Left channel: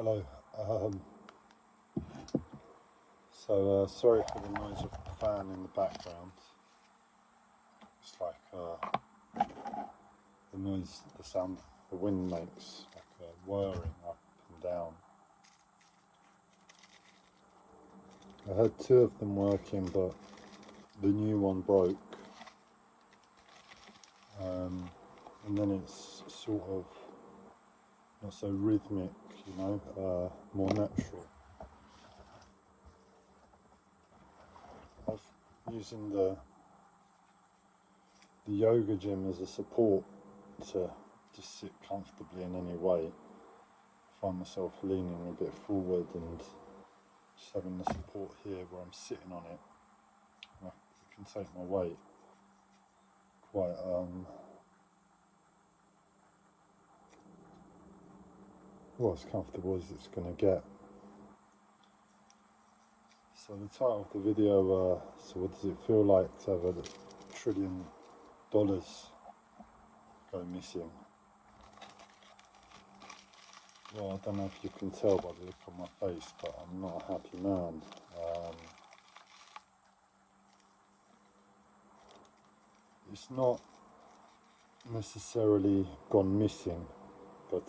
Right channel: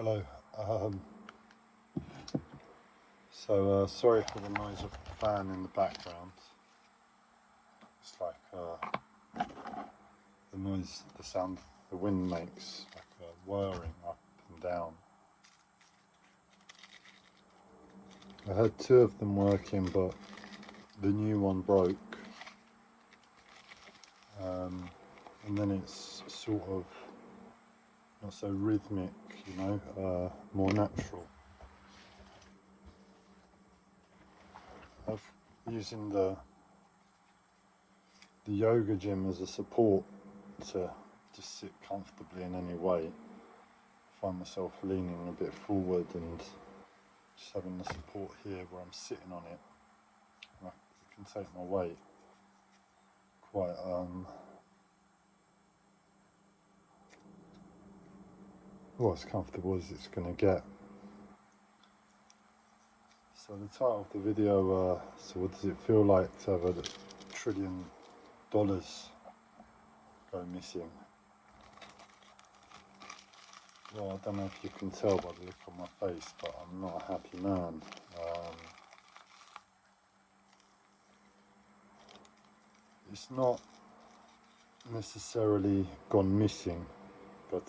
Hello. Sorry for the noise of the fan in the background. It's like the noise, the sound the wind makes, like whirring up and down. I had two of them working, but the new one broke. And then it's sort of not so rhythmic, more natural. I'm using the yoga gym as a support to just sit comfortably in any way. I find myself leaning a bit forward and just having the support here where I'm sitting on it. I can take my weight quite as comfortable as it's going to get. So the title of the video, so what does it feel like to have $1 trillion go missing? Well, I don't know if you can tell by the look on my face, but I'm not a happy man. It's not necessarily gone missing, but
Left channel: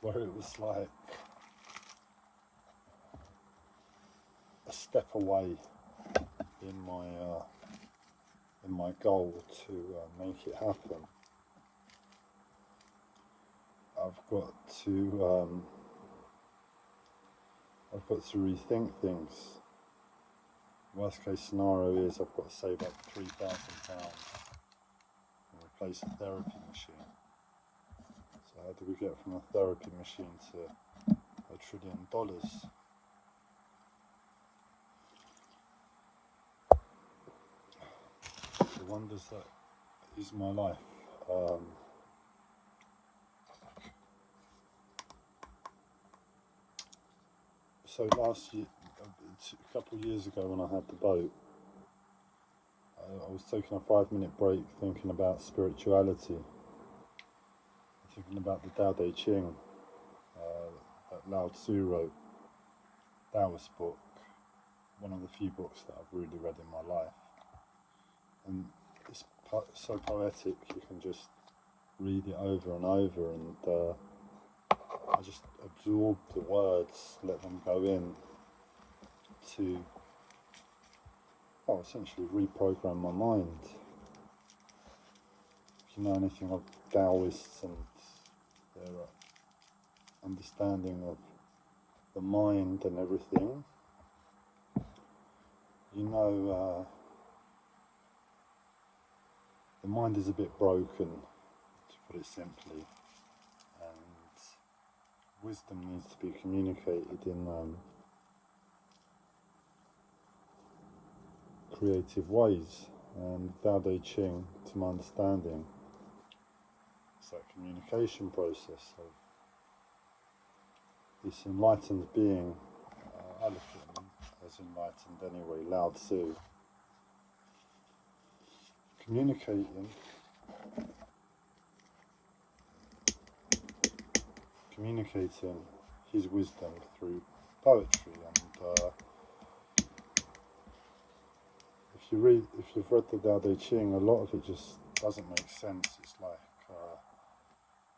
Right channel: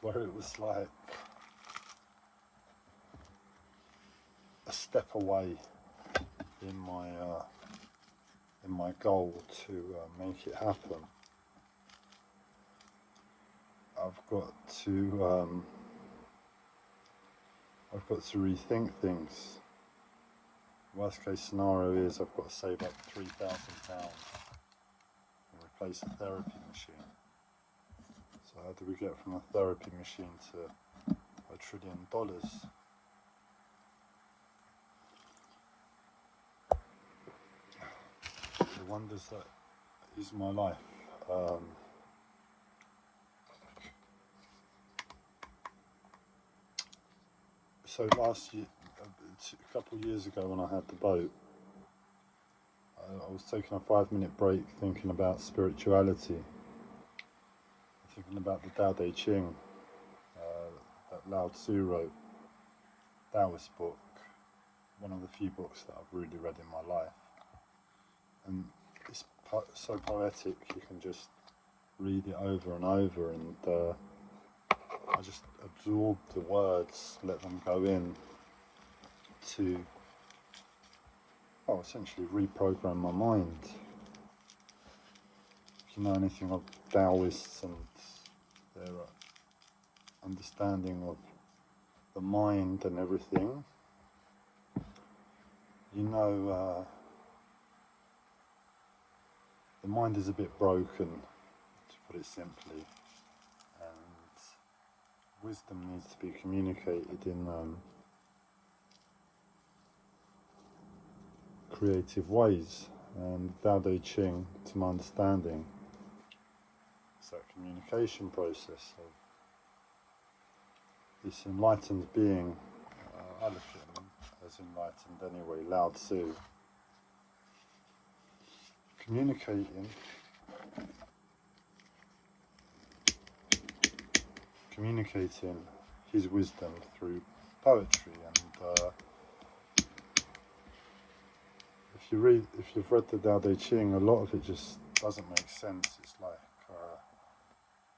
where it was like a step away in my goal to make it happen. I've got to rethink things. Worst case scenario is I've got to save up £3,000 and replace a therapy machine. So how do we get from a therapy machine to $1 trillion? The wonders that is my life. So last year, a couple of years ago when I had the boat, I was taking a 5-minute break thinking about spirituality, thinking about the Tao Te Ching that Lao Tzu wrote, Taoist book, one of the few books that I've really read in my life. And it's so poetic, you can just read it over and over, and I just absorb the words, let them go in to, essentially reprogram my mind. If you know anything of Taoists and their understanding of the mind and everything, you know the mind is a bit broken, to put it simply, and wisdom needs to be communicated in creative ways, and Tao Te Ching, to my understanding, is that communication process of this enlightened being. I look at him as enlightened anyway, Lao Tzu, communicating his wisdom through poetry. And if you've read the Tao Te Ching, a lot of it just doesn't make sense. It's like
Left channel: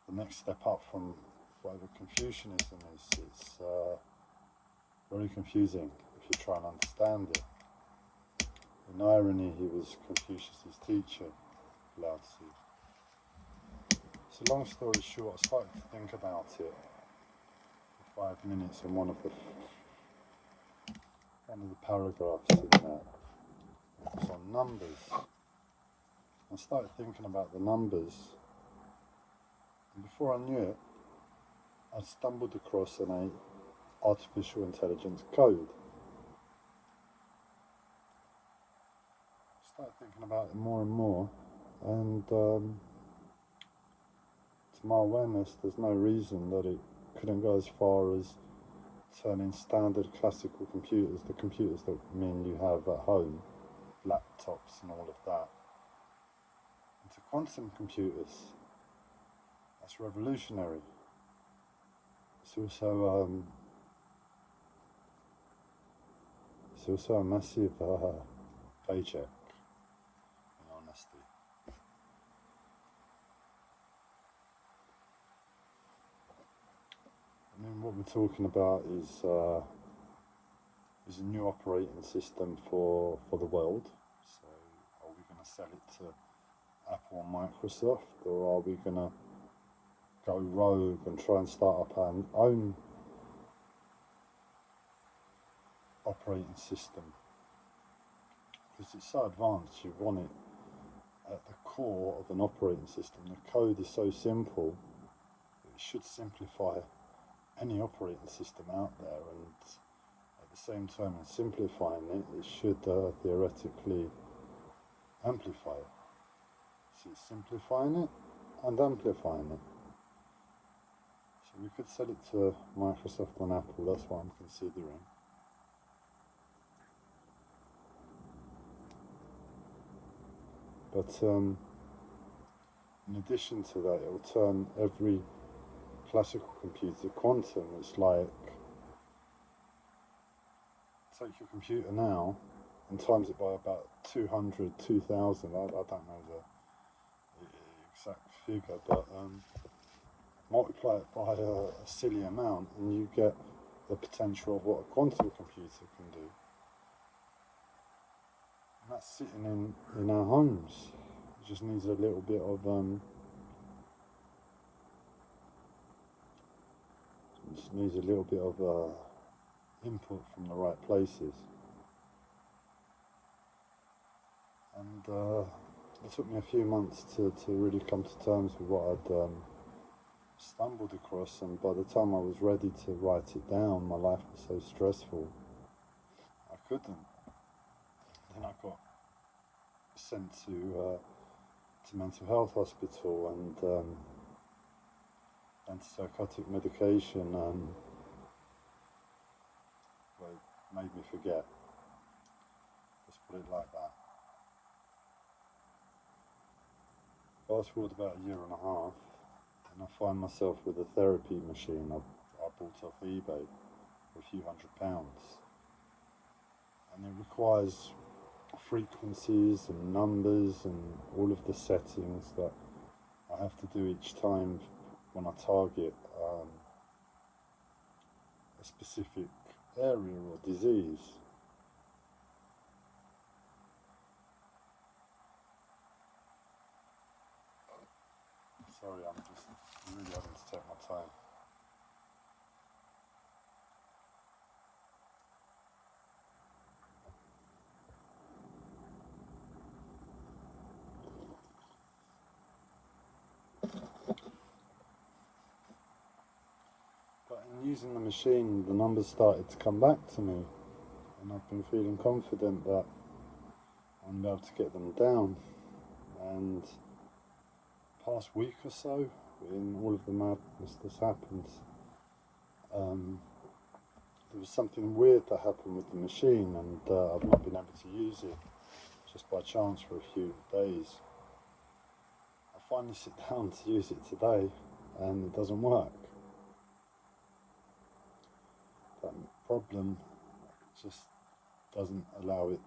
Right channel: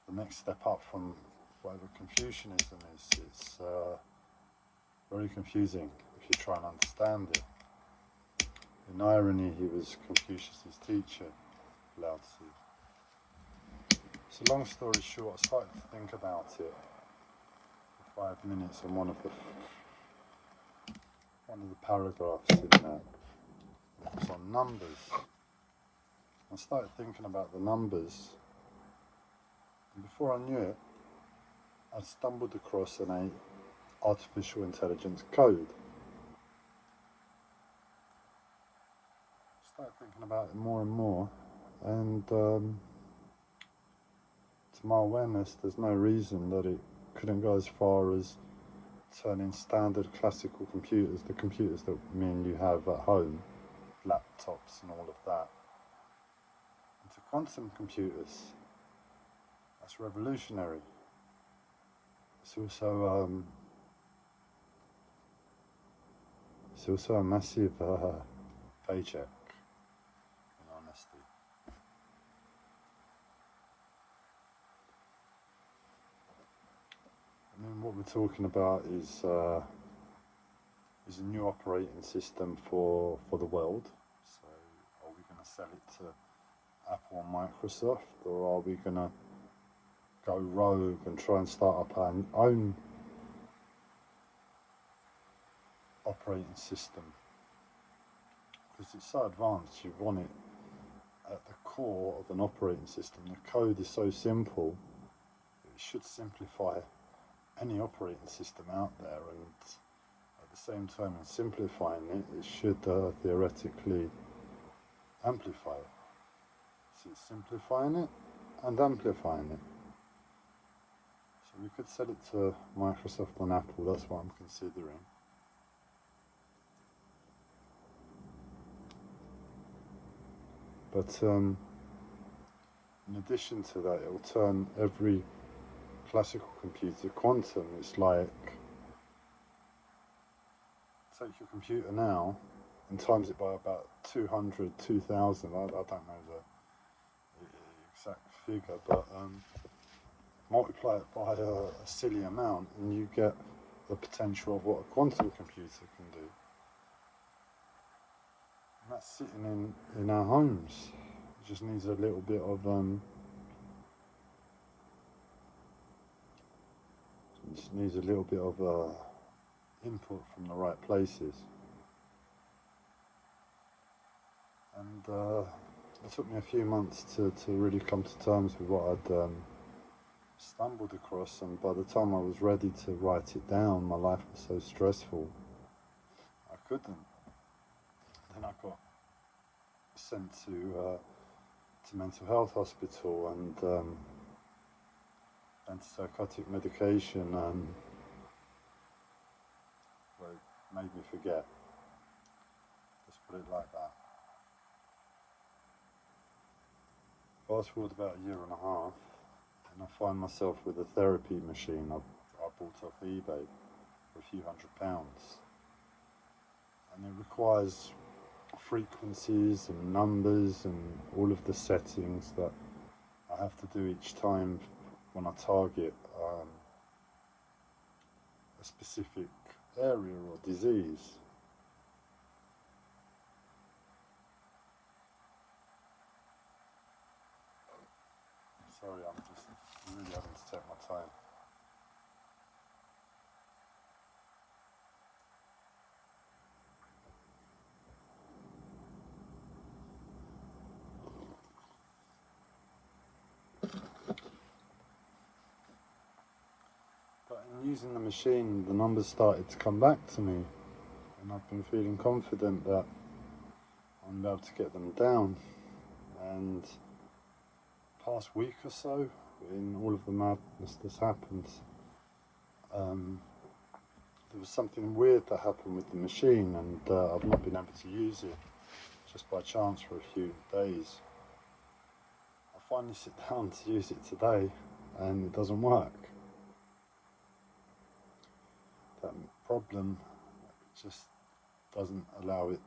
the next step up from whatever Confucianism is. It's very confusing if you try and understand it. In irony, he was Confucius' teacher, Lao Tzu. So long story short, I started to think about it for 5 minutes, and one of the paragraphs in there, it was on numbers. I started thinking about the numbers, and before I knew it, I stumbled across an artificial intelligence code. I started thinking about it more and more, and to my awareness, there's no reason that it couldn't go as far as turning standard classical computers, the computers that me and you have at home, laptops and all of that, into quantum computers. That's revolutionary. it's also a massive paycheck, in honesty. I mean, what we're talking about is a new operating system for the world. So, are we going to sell it to Apple and Microsoft, or are we going to go rogue and try and start up our own operating system? Because it's so advanced, you want it at the core of an operating system. The code is so simple, it should simplify any operating system out there, and at the same time in simplifying it, it should theoretically amplify it. So it's simplifying it and amplifying it. So we could sell it to Microsoft and Apple, that's what I'm considering. But in addition to that, it will turn every classical computer quantum. It's like, take your computer now and times it by about 200, 2000, I don't know the exact figure, but multiply it by a silly amount and you get the potential of what a quantum computer can do. And that's sitting in our homes. It just needs a little bit of input from the right places. And it took me a few months to really come to terms with what I'd stumbled across, and by the time I was ready to write it down, my life was so stressful I couldn't. Then I got sent to mental health hospital and antipsychotic medication, and well, it made me forget. Let's put it like that. Fast forward about a year and a half, and I find myself with a therapy machine I bought off eBay for a few £100, and it requires frequencies and numbers and all of the settings that I have to do each time when I target a specific area or disease. Sorry, I'm just really having to take my time. But in using the machine, the numbers started to come back to me, and I've been feeling confident that I'm able to get them down. And past week or so, in all of the madness that's happened, there was something weird that happened with the machine, and I've not been able to use it just by chance for a few days. I finally sit down to use it today, and it doesn't work. That problem just doesn't allow it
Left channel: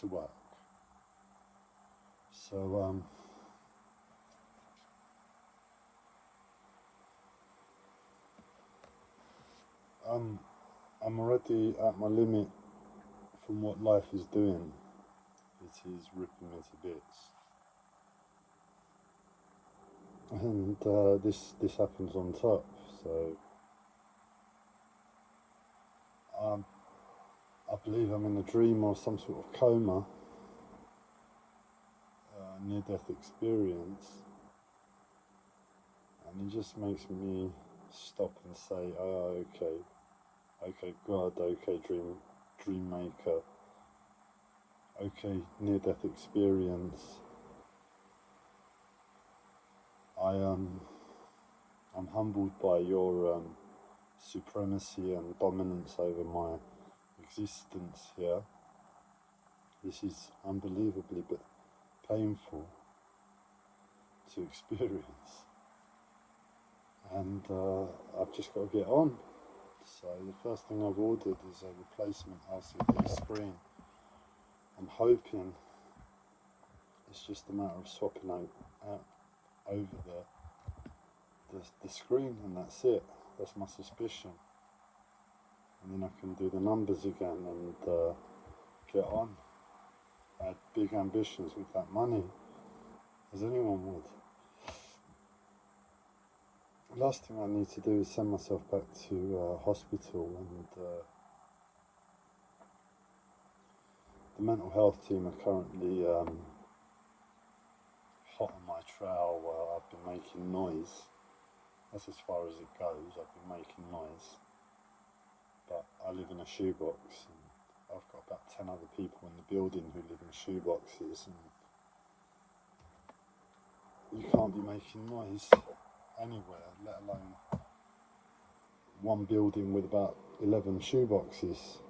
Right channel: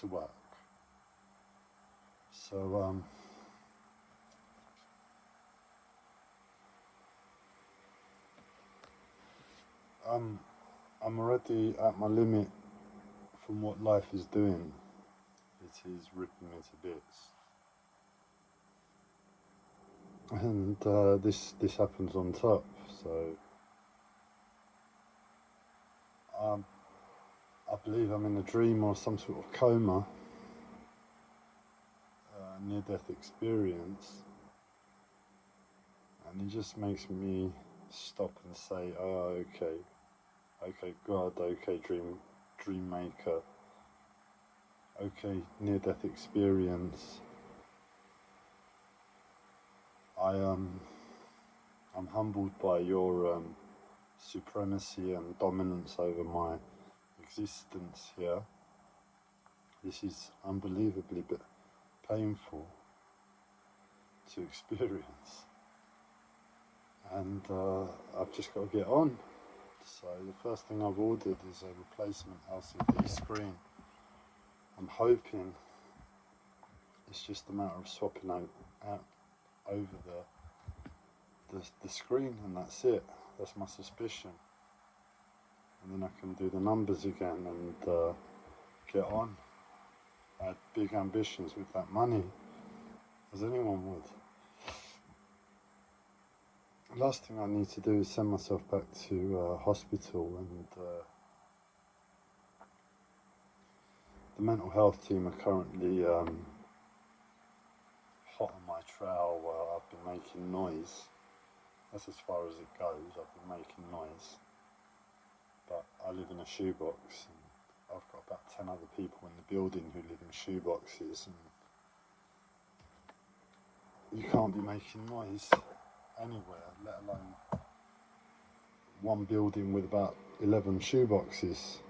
to work. So I'm already at my limit from what life is doing. It is ripping me to bits. And this happens on top, so I believe I'm in a dream or some sort of coma, near-death experience, and it just makes me stop and say, oh, okay God, okay dream maker, okay near-death experience. I'm humbled by your supremacy and dominance over my existence here. This is unbelievably painful to experience, and I've just got to get on. So the first thing I've ordered is a replacement LCD screen. I'm hoping it's just a matter of swapping out over the screen, and that's it. That's my suspicion. And then I can do the numbers again and get on. I had big ambitions with that money, as anyone would. Last thing I need to do is send myself back to hospital, and the mental health team are currently hot on my trail where I've been making noise. That's as far as it goes. I've been making noise, but I live in a shoebox, and I've got about 10 other people in the building who live in shoeboxes, and you can't be making noise anywhere, let alone one building with about 11 shoeboxes.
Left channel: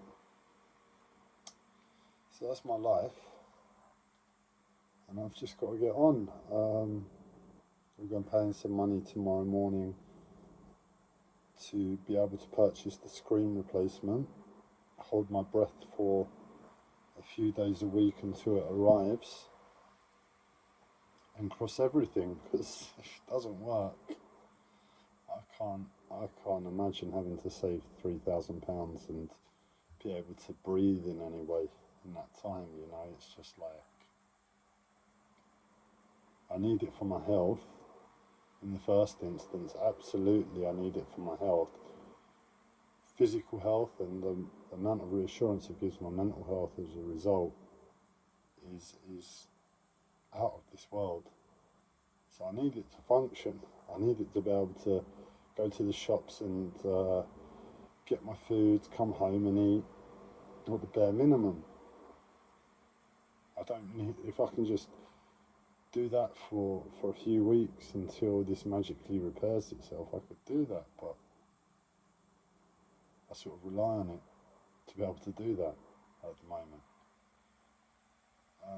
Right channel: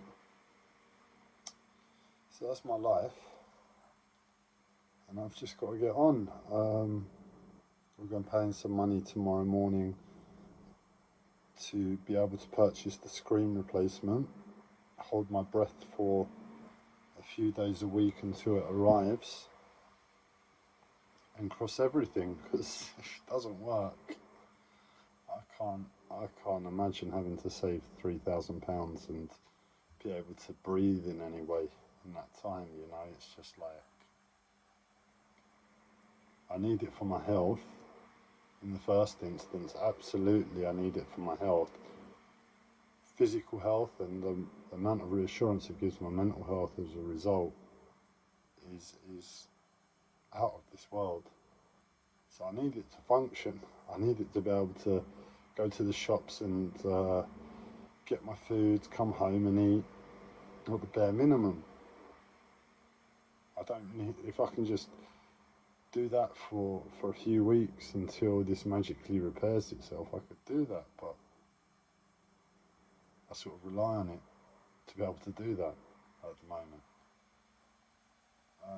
So that's my life, and I've just got to get on. We're going to pay in some money tomorrow morning to be able to purchase the screen replacement. Hold my breath for a few days a week until it arrives, and cross everything, because if it doesn't work, I can't imagine having to save £3,000 and be able to breathe in any way in that time. You know, it's just like, I need it for my health in the first instance. Absolutely, I need it for my health, physical health, and the amount of reassurance it gives my mental health as a result is out of this world. So I need it to function. I need it to be able to go to the shops and get my food, come home and eat, at the bare minimum. I don't need, if I can just do that for a few weeks until this magically repairs itself, I could do that, but I sort of rely on it to be able to do that at the moment.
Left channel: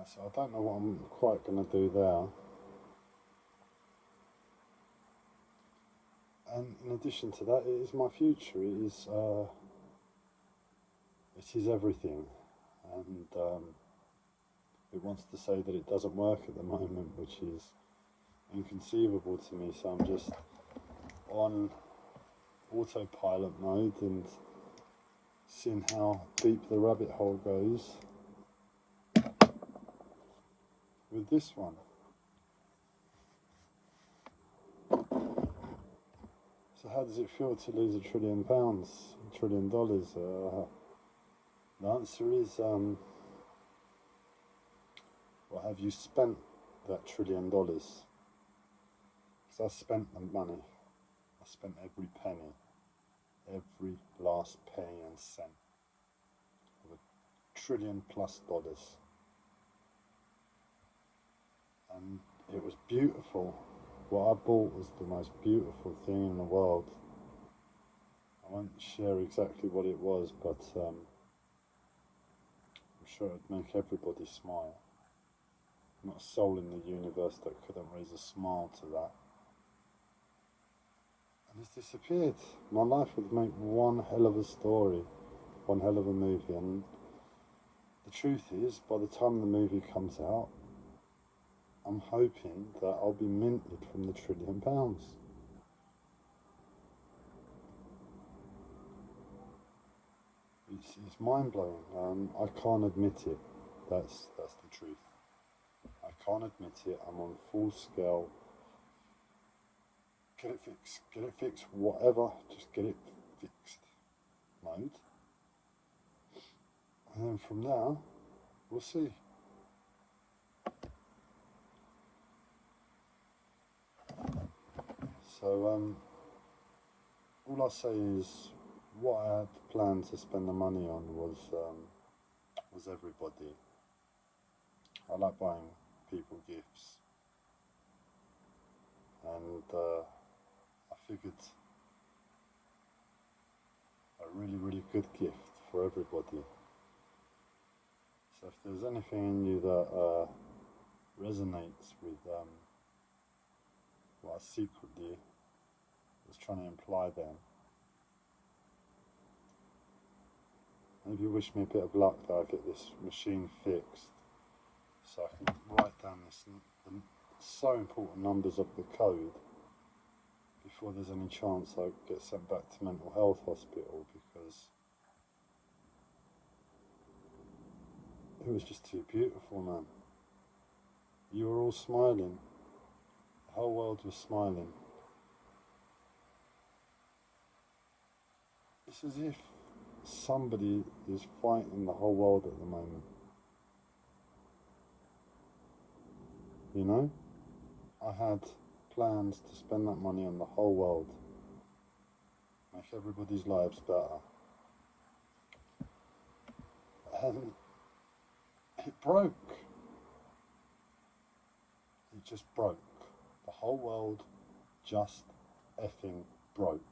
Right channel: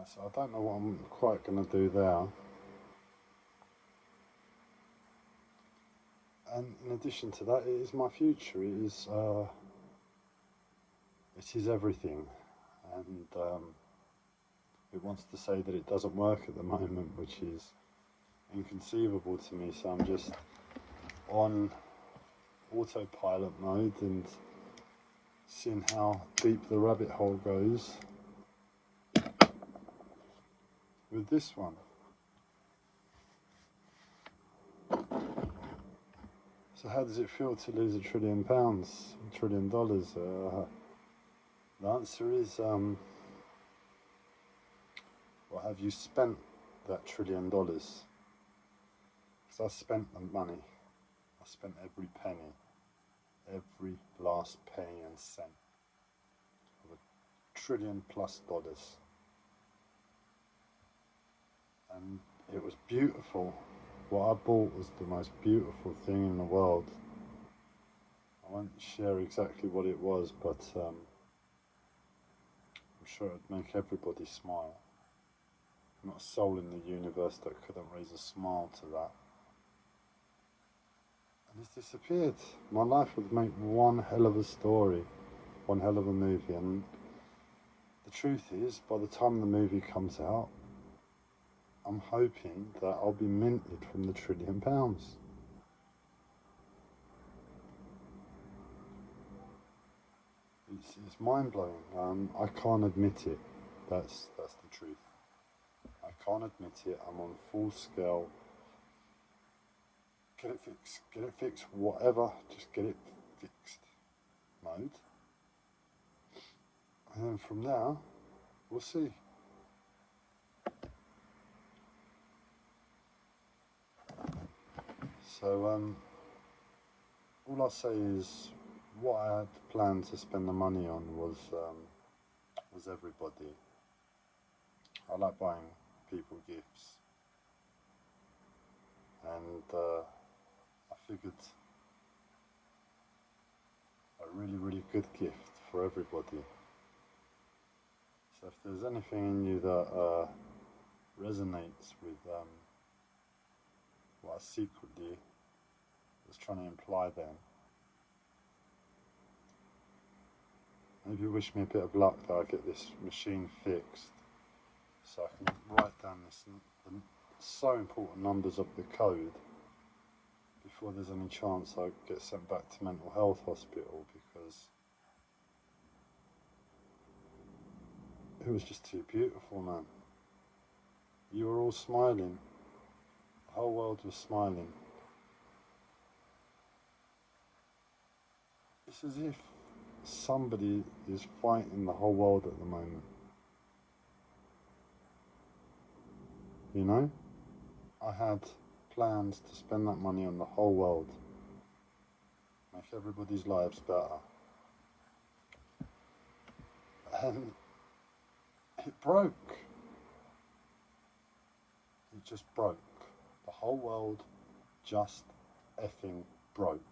So I don't know what I'm quite going to do there. And in addition to that, it is my future. It is everything, and it wants to say that it doesn't work at the moment, which is inconceivable to me. So I'm just on autopilot mode and seeing how deep the rabbit hole goes with this one. So how does it feel to lose £1 trillion, $1 trillion? The answer is, well, have you spent that $1 trillion? Because I spent the money. I spent every penny, every last penny and cent of $1 trillion+. And it was beautiful. What I bought was the most beautiful thing in the world. I won't share exactly what it was, but I'm sure it would make everybody smile. Not a soul in the universe that couldn't raise a smile to that. And it's disappeared. My life would make one hell of a story, one hell of a movie, and the truth is, by the time the movie comes out, I'm hoping that I'll be minted from the £1 trillion. It's mind-blowing. I can't admit it. That's the truth. I can't admit it. I'm on full-scale get it fixed, whatever, just get it fixed mode. And then from there, we'll see. So, all I'll say is, what I had planned to spend the money on was everybody. I like buying people gifts, and I figured a really, really good gift for everybody. So if there's anything in you that resonates with what I secretly was trying to imply then. Maybe wish me a bit of luck that I get this machine fixed so I can write down the so important numbers of the code before there's any chance I get sent back to mental health hospital, because it was just too beautiful, man. You were all smiling. The whole world was smiling. It's as if somebody is fighting the whole world at the moment. You know? I had plans to spend that money on the whole world. Make everybody's lives better. And it broke. It just broke. The whole world just effing broke.